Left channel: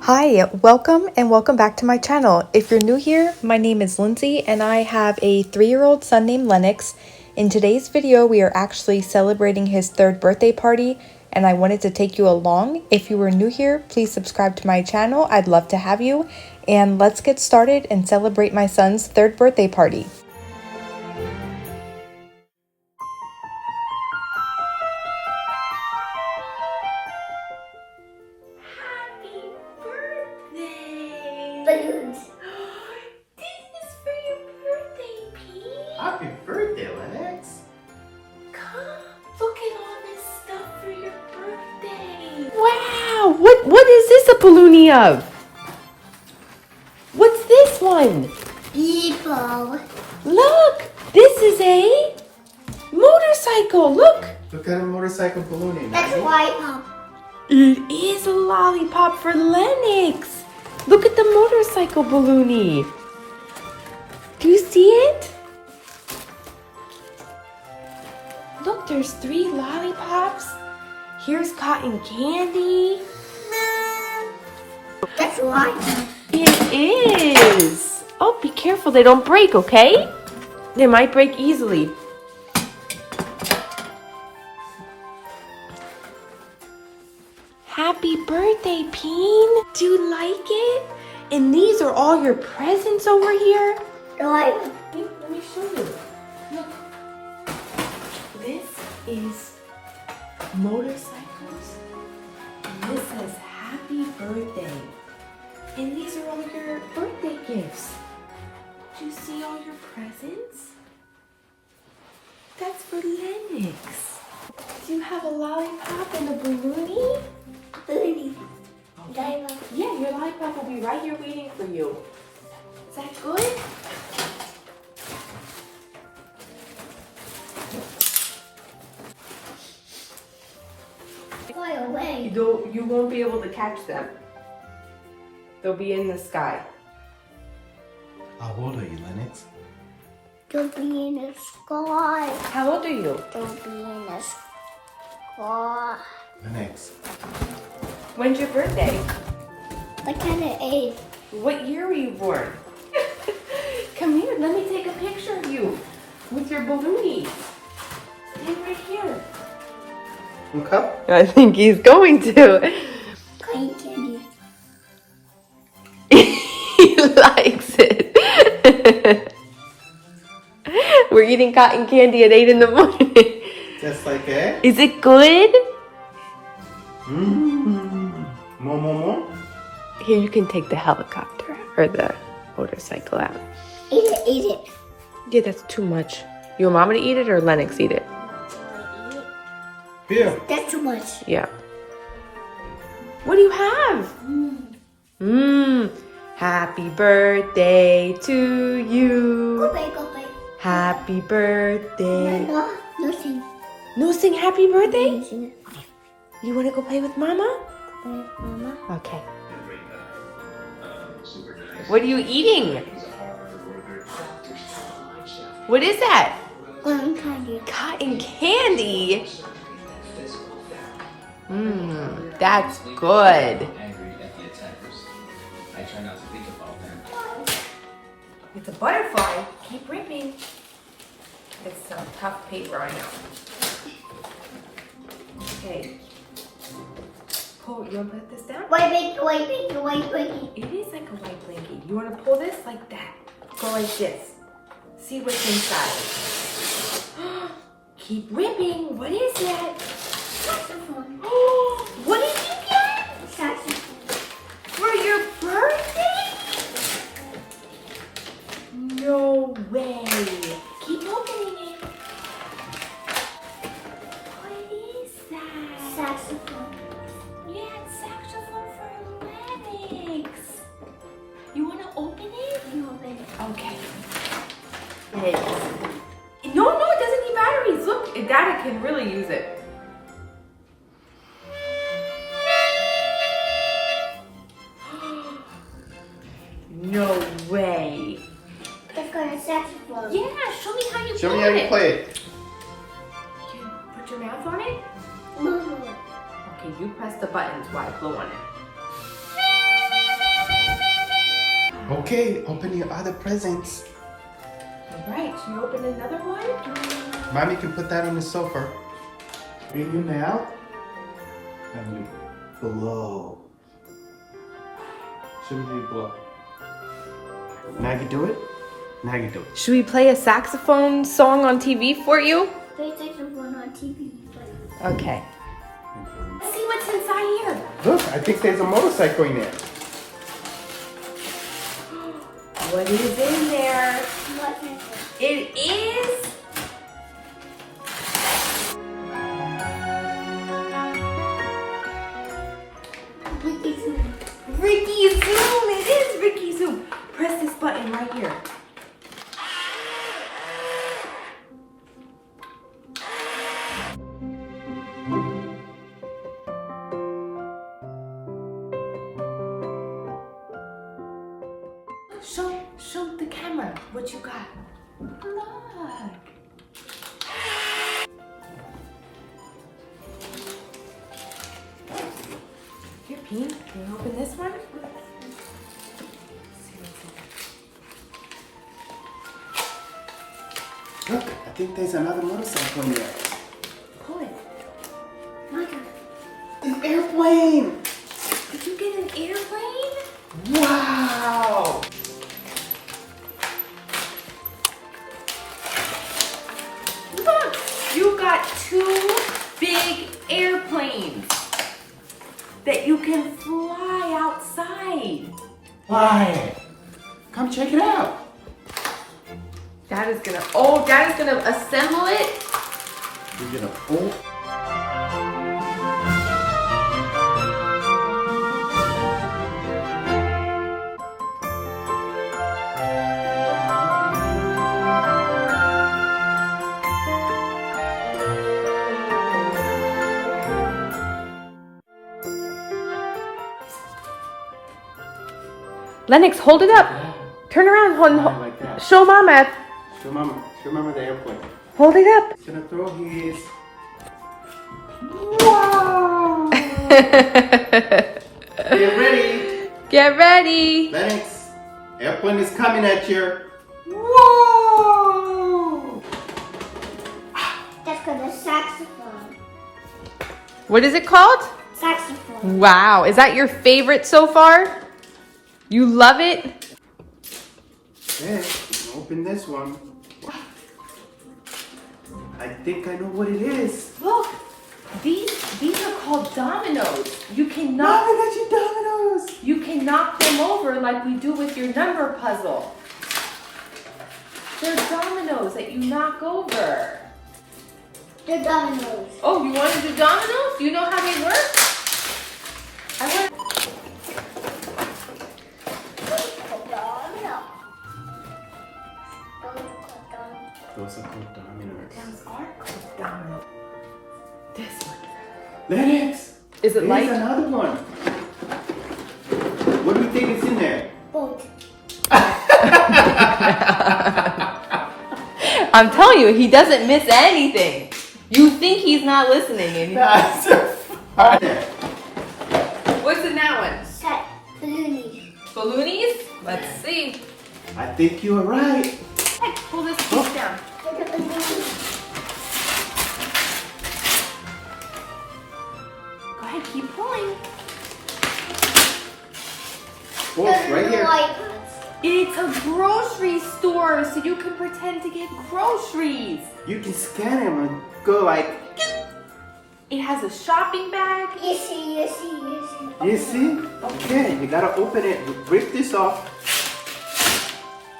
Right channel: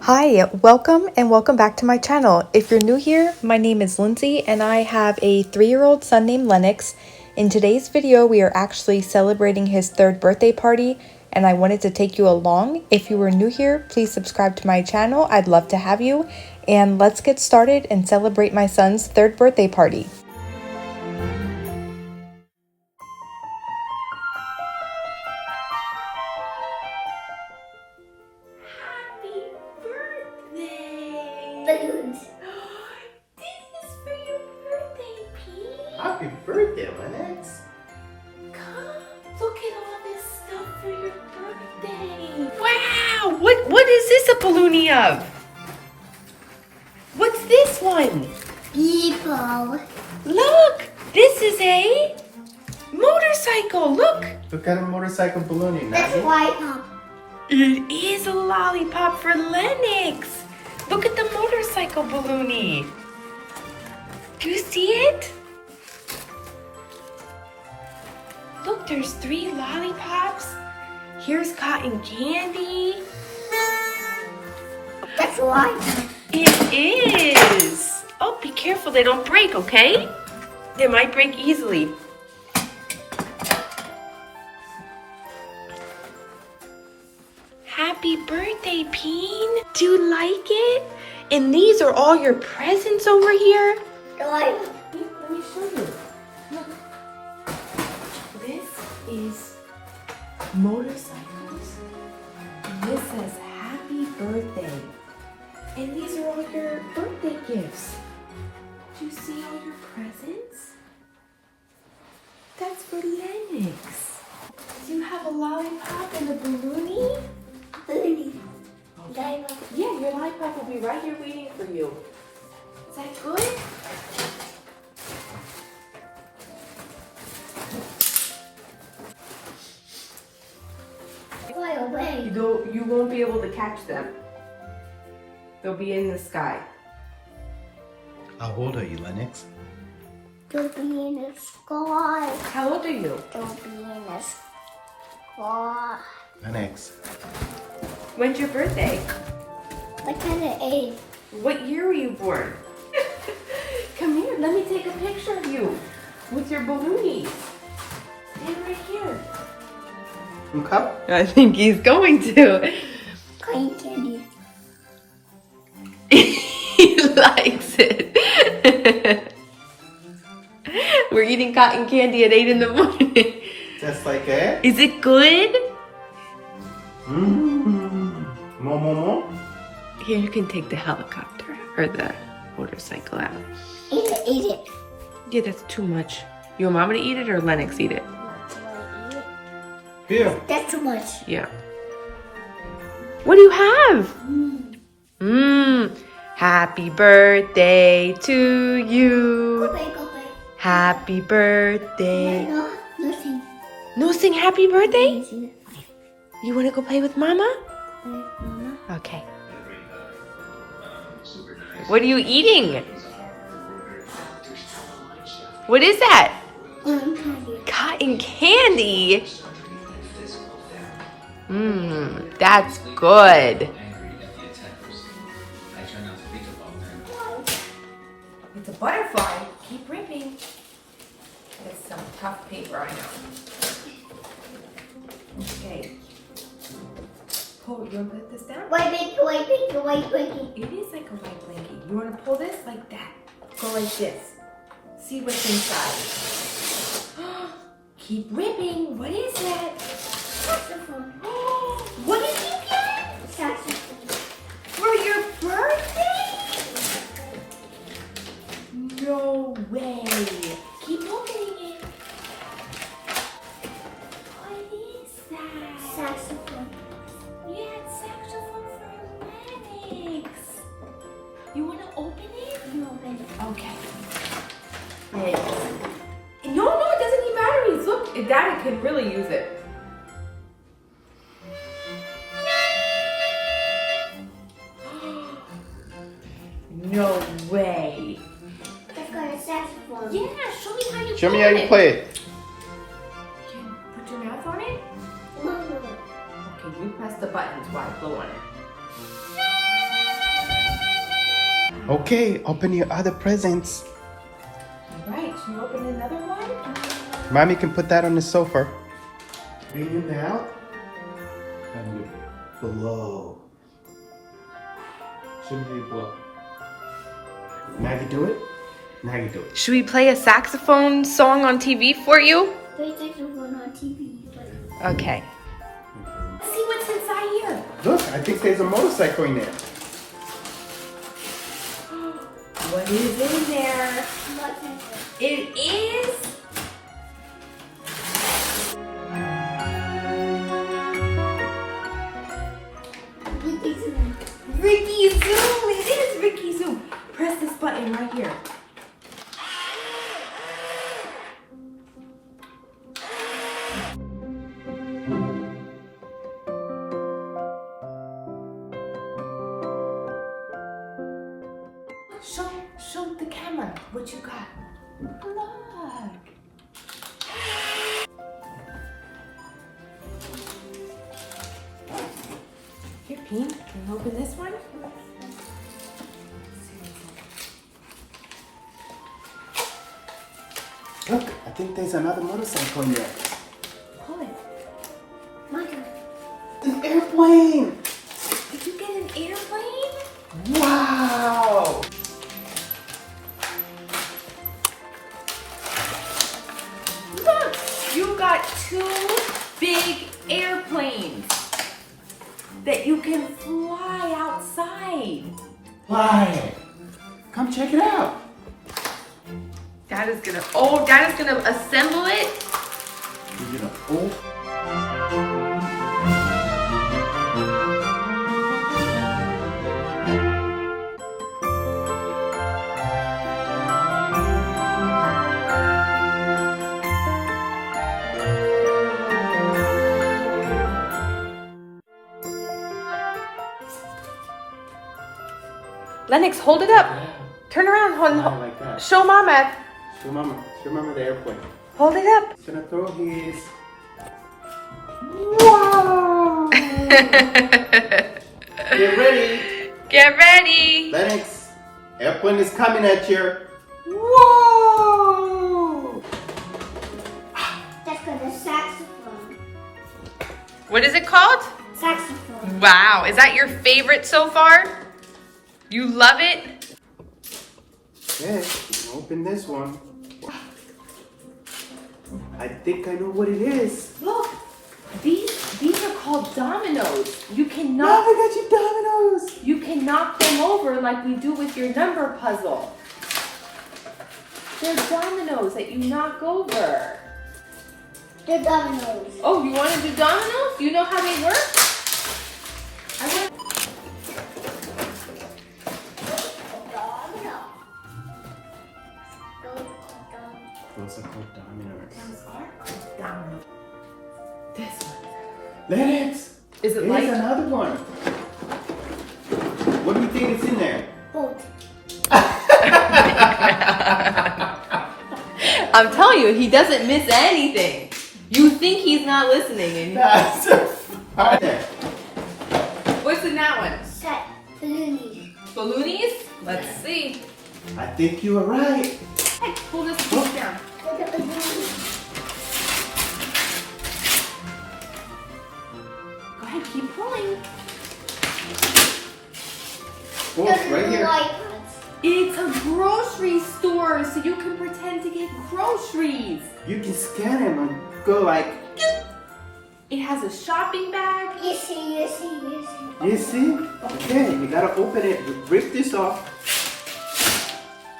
Hi, welcome and welcome back to my channel. If you're new here, my name is Lindsay and I have a 3-year-old son named Lennix. In today's video, we are actually celebrating his 3rd birthday party and I wanted to take you along. If you are new here, please subscribe to my channel. I'd love to have you. And let's get started and celebrate my son's 3rd birthday party. Balloons. This is for your birthday, Pete. Happy birthday, Lennix. Come, look at all this stuff for your birthday. Wow! What is this a balloonie of? What's this one? People. Look! This is a motorcycle! Look! What kind of motorcycle balloon? That's white pop. It is a lollipop for Lennix! Look at the motorcycle balloonie! Do you see it? Look, there's 3 lollipops. Here's cotton candy. That's white pop. It is! Oh, be careful, they don't break, okay? They might break easily. Happy birthday, Peen! Do you like it? And these are all your presents over here? White. Let me show you. Look. This is motorcycles. And this says happy birthday. And these are all your birthday gifts. Do you see all your presents? That's for Lennix. Do you have a lollipop and a balloonie? Balloon. Diamond. Yeah, your lollipop will be right here waiting for you. Is that good? Fly away. You won't be able to catch them. They'll be in the sky. How old are you, Lennix? Don't be in the sky. How old are you? Don't be in the sky. Lennix. When's your birthday? I kind of ate. What year were you born? Come here, let me take a picture of you with your balloonies. Stay right here. Look up. I think he's going to. Cotton candy. He likes it. We're eating cotton candy at 8 in the morning. Just like that. Is it good? More, more, more. Here, you can take the helicopter or the motorcycle out. Eat it, eat it. Yeah, that's too much. You want Mama to eat it or Lennix eat it? Here. That's too much. Yeah. What do you have? Happy birthday to you. Go play, go play. Happy birthday. No, nothing. No, sing happy birthday? Nothing. You want to go play with Mama? Mama. Okay. What are you eating? What is that? Cotton candy. Cotton candy? That's good. It's a butterfly. Keep ripping. It's some tough paper, I know. Okay. Pull, you want to put this down? White blanket, white blanket, white blanket. It is like a white blanket. You want to pull this like that. Go like this. See what's inside. Keep ripping. What is that? Saxophone. What did you get? Saxophone. For your birthday? No way. Keep opening it. What is that? Saxophone. Yeah, it's saxophone for Lennix. You want to open it? No, baby. Okay. No, it doesn't need batteries. Look, Daddy can really use it. No way. That's got a saxophone. Yeah, show me how you Show play me how you it. play it. You put your mouth on it? Mama. You press the buttons while I blow on it. Okay, open your other presents. All right, should you open another one? Mommy can put that on the sofa. Bring him out. And you blow. Show me how you blow. Now you do it. Now you do it. Should we play a saxophone song on TV for you? They take the one on TV. Okay. See what's inside here. Look, I think there's a motorcycle in there. What is in there? What is it? It is Ricky Zoom. It is Ricky Zoom. Press this button right here. Show the camera what you got. Look. Here, Peen, can you open this one? Look, I think there's another motorcycle in there. Pull it. Mother. An airplane! Did you get an airplane? Wow! Look, you got 2 big airplanes that you can fly outside. Why? Come check it out. Dad is gonna assemble it. You're gonna pull. Lennox, hold it up. Turn around. Fly like that. Show Mama. Show Mama. Show Mama the airplane. Hold it up. He's gonna throw his. Wow. Get ready. Get ready. Lennix, airplane is coming at you. Whoa. That's called a saxophone. What is it called? Saxophone. Wow. Is that your favorite so far? You love it? Okay, open this one. I think I know what it is. Look, these are called dominoes. You can Mom, knock I got you dominoes. you can knock them over like we do with your number puzzle. They're dominoes that you knock over. The dominoes. Oh, you want to do dominoes? You know how they work? I want. Those are called dominoes. Those are called dominoes. This one. Lennix, Is it there's like? another one. What do you think is in there? Boat. I'm telling you, he doesn't miss anything. You think he's not listening. And That's so funny. What's in that one? Set. Balloony. Balloonies? Let's see. I think you are right. Pull this piece down. The balloony. Go ahead, keep pulling. Oh, right here. It's a grocery store, so you can pretend to get groceries. You can scan them and go like, It has a shopping bag. You see. you see? Okay, you gotta open it. Rip this off.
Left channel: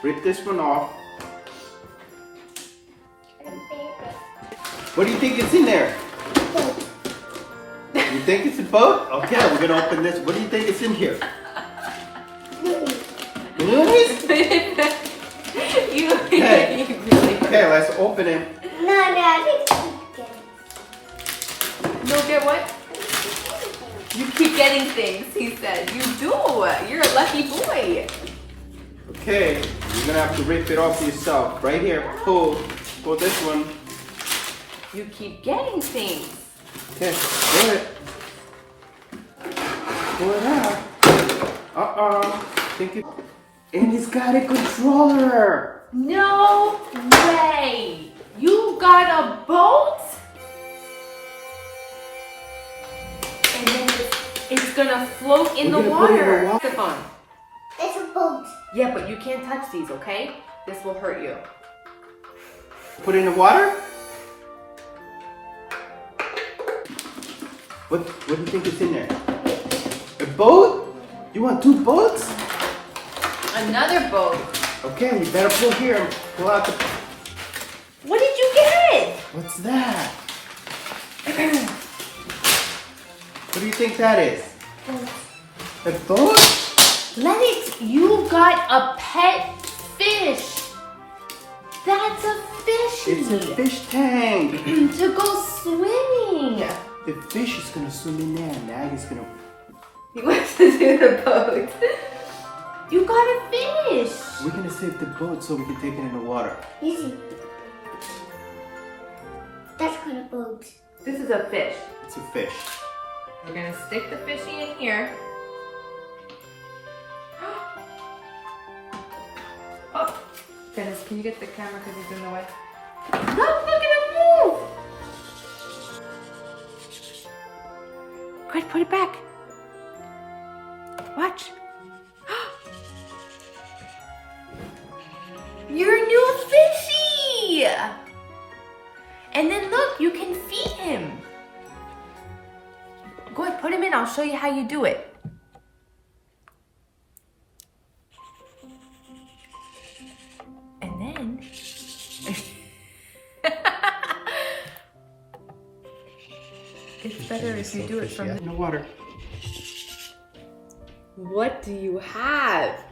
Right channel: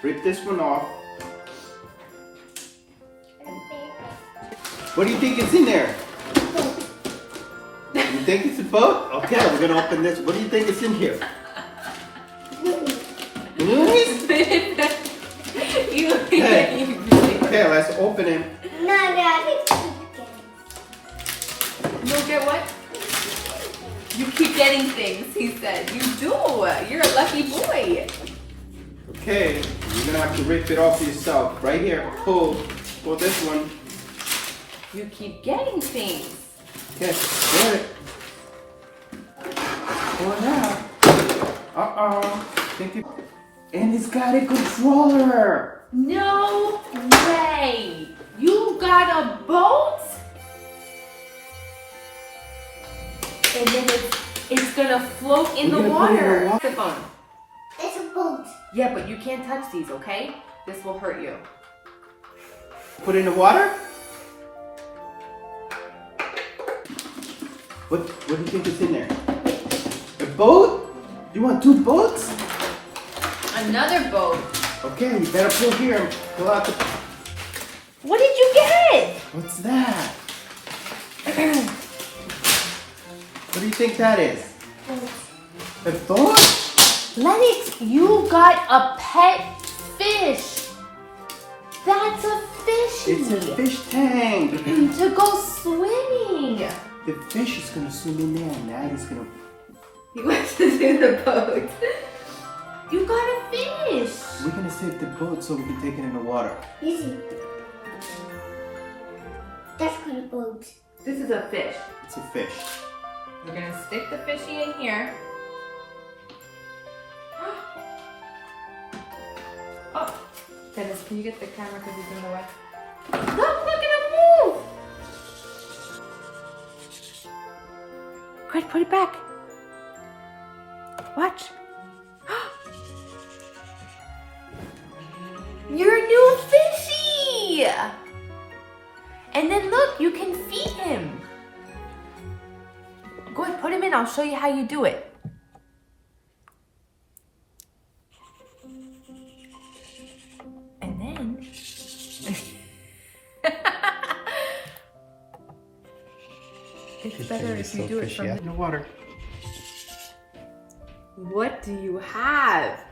Rip this one off. What do you think is in there? You think it's a boat? Okay, we're gonna open this. What do you think is in here? Balloonies? Okay, let's open it. No, You'll get what? You keep getting things, he said. You do. You're a lucky boy. Okay, you're gonna have to rip it off yourself. Right here, pull this one. You keep getting things. Okay, do it. Pull it out. Think it. And it's got a controller. No way! You got a boat? And then it's gonna float in the water. Saxophone. It's a boat. Yeah, but you can't touch these, okay? This will hurt you. Put it in the water? What do you think is in there? A boat? You want 2 boats? Another boat. Okay, you better pull here and pull out the... What did you get? What's that? What do you think that is? A boat? Lennix, you got a pet fish. That's a fishy. It's a fish tank. To go swimming. The fish is gonna swim in there and Daddy's gonna... He wants to do the boat. You got a fish. We're gonna save the boat so we can take it in the water. Easy. That's kind of boat. This is a fish. It's a fish. We're gonna stick the fishy in here. Oh, Dennis, can you get the camera because he's in the way? Look at him move! Quick, put it back. Watch. Your new fishy! And then look, you can feed him. Go ahead, put him in. I'll show you how you do it. And then... it's better if you do it from in the water. What do you have?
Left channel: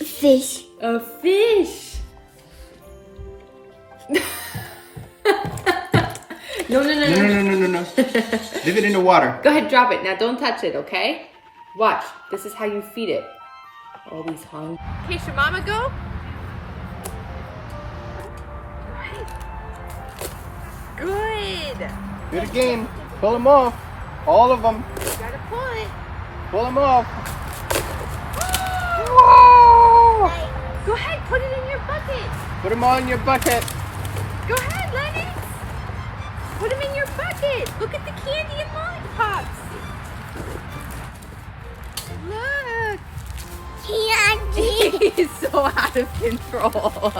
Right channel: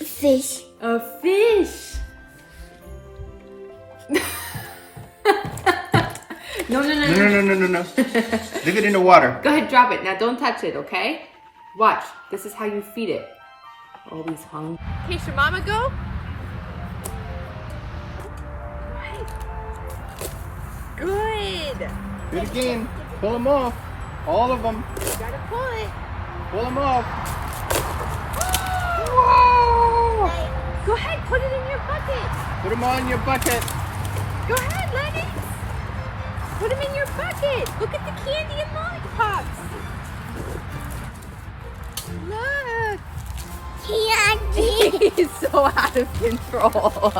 A fish. A fish. No. No. Leave it in the water. Go ahead, drop it. Now don't touch it, okay? Watch. This is how you feed it. Always hungry. Okay, should Mama go? Go ahead. Good. Do it again. Pull them off. All of them. You gotta pull it. Pull them off. Go ahead, put it in your bucket. Put them all in your bucket. Go ahead, Lennix. Put them in your bucket. Look at the candy and lollipops. Look. Candy. He's so out of control.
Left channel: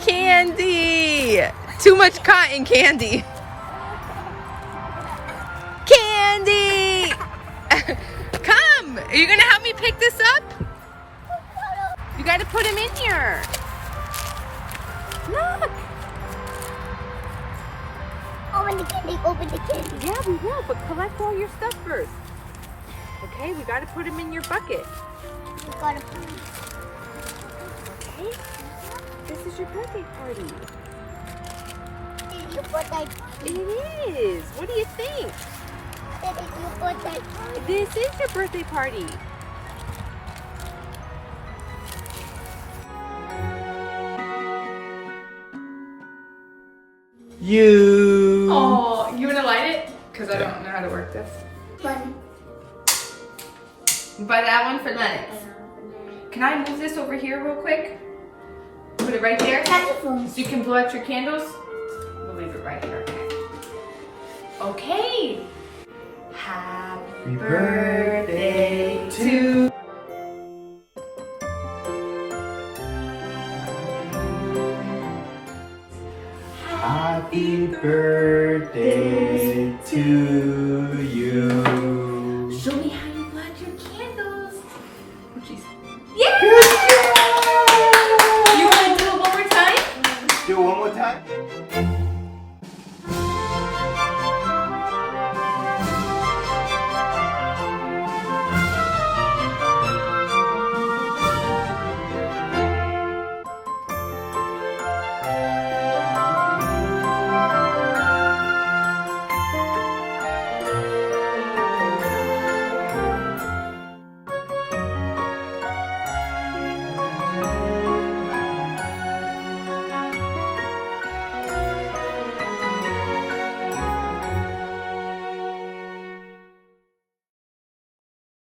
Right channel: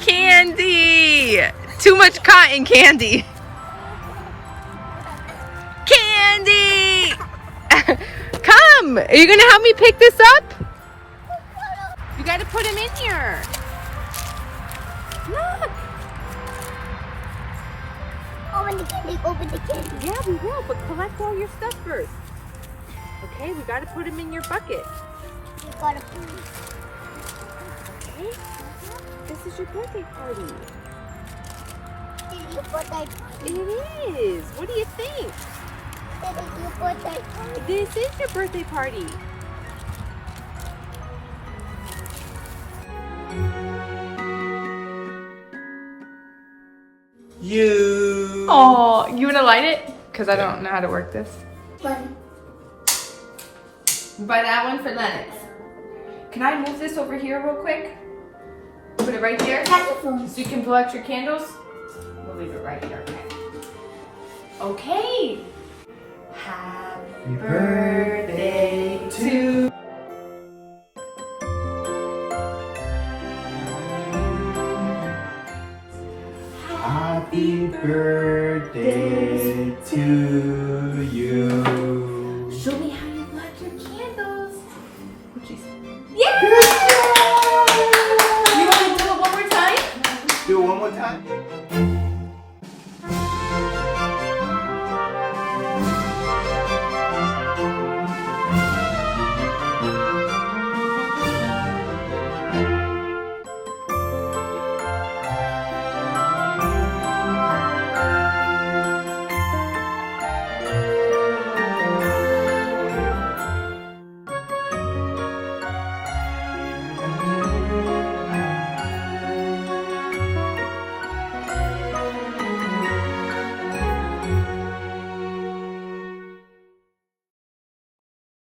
Candy. Too much cotton candy. Candy. Come. Are you going to help me pick this up? You got to put him in here. Look. Open the candy. Open the candy. Yeah, we will, but collect all your stuff first. Okay, we got to put him in your bucket. You gotta put it. Okay? This is your birthday party. It's your birthday party. It is. What do you think? It is your birthday party. This is your birthday party. You. Oh, you want to light it? Because I don't know how to work this. Button. Buy that one for Lennix. Can I move this over here real quick? Put it right there? Saxophone. So you can blow out your candles? We'll leave it right here, okay? Okay. Happy birthday to Happy birthday to you. Show me how you blow out your candles. Oh, jeez. Yeah! You want to do it one more time? Do it one more time.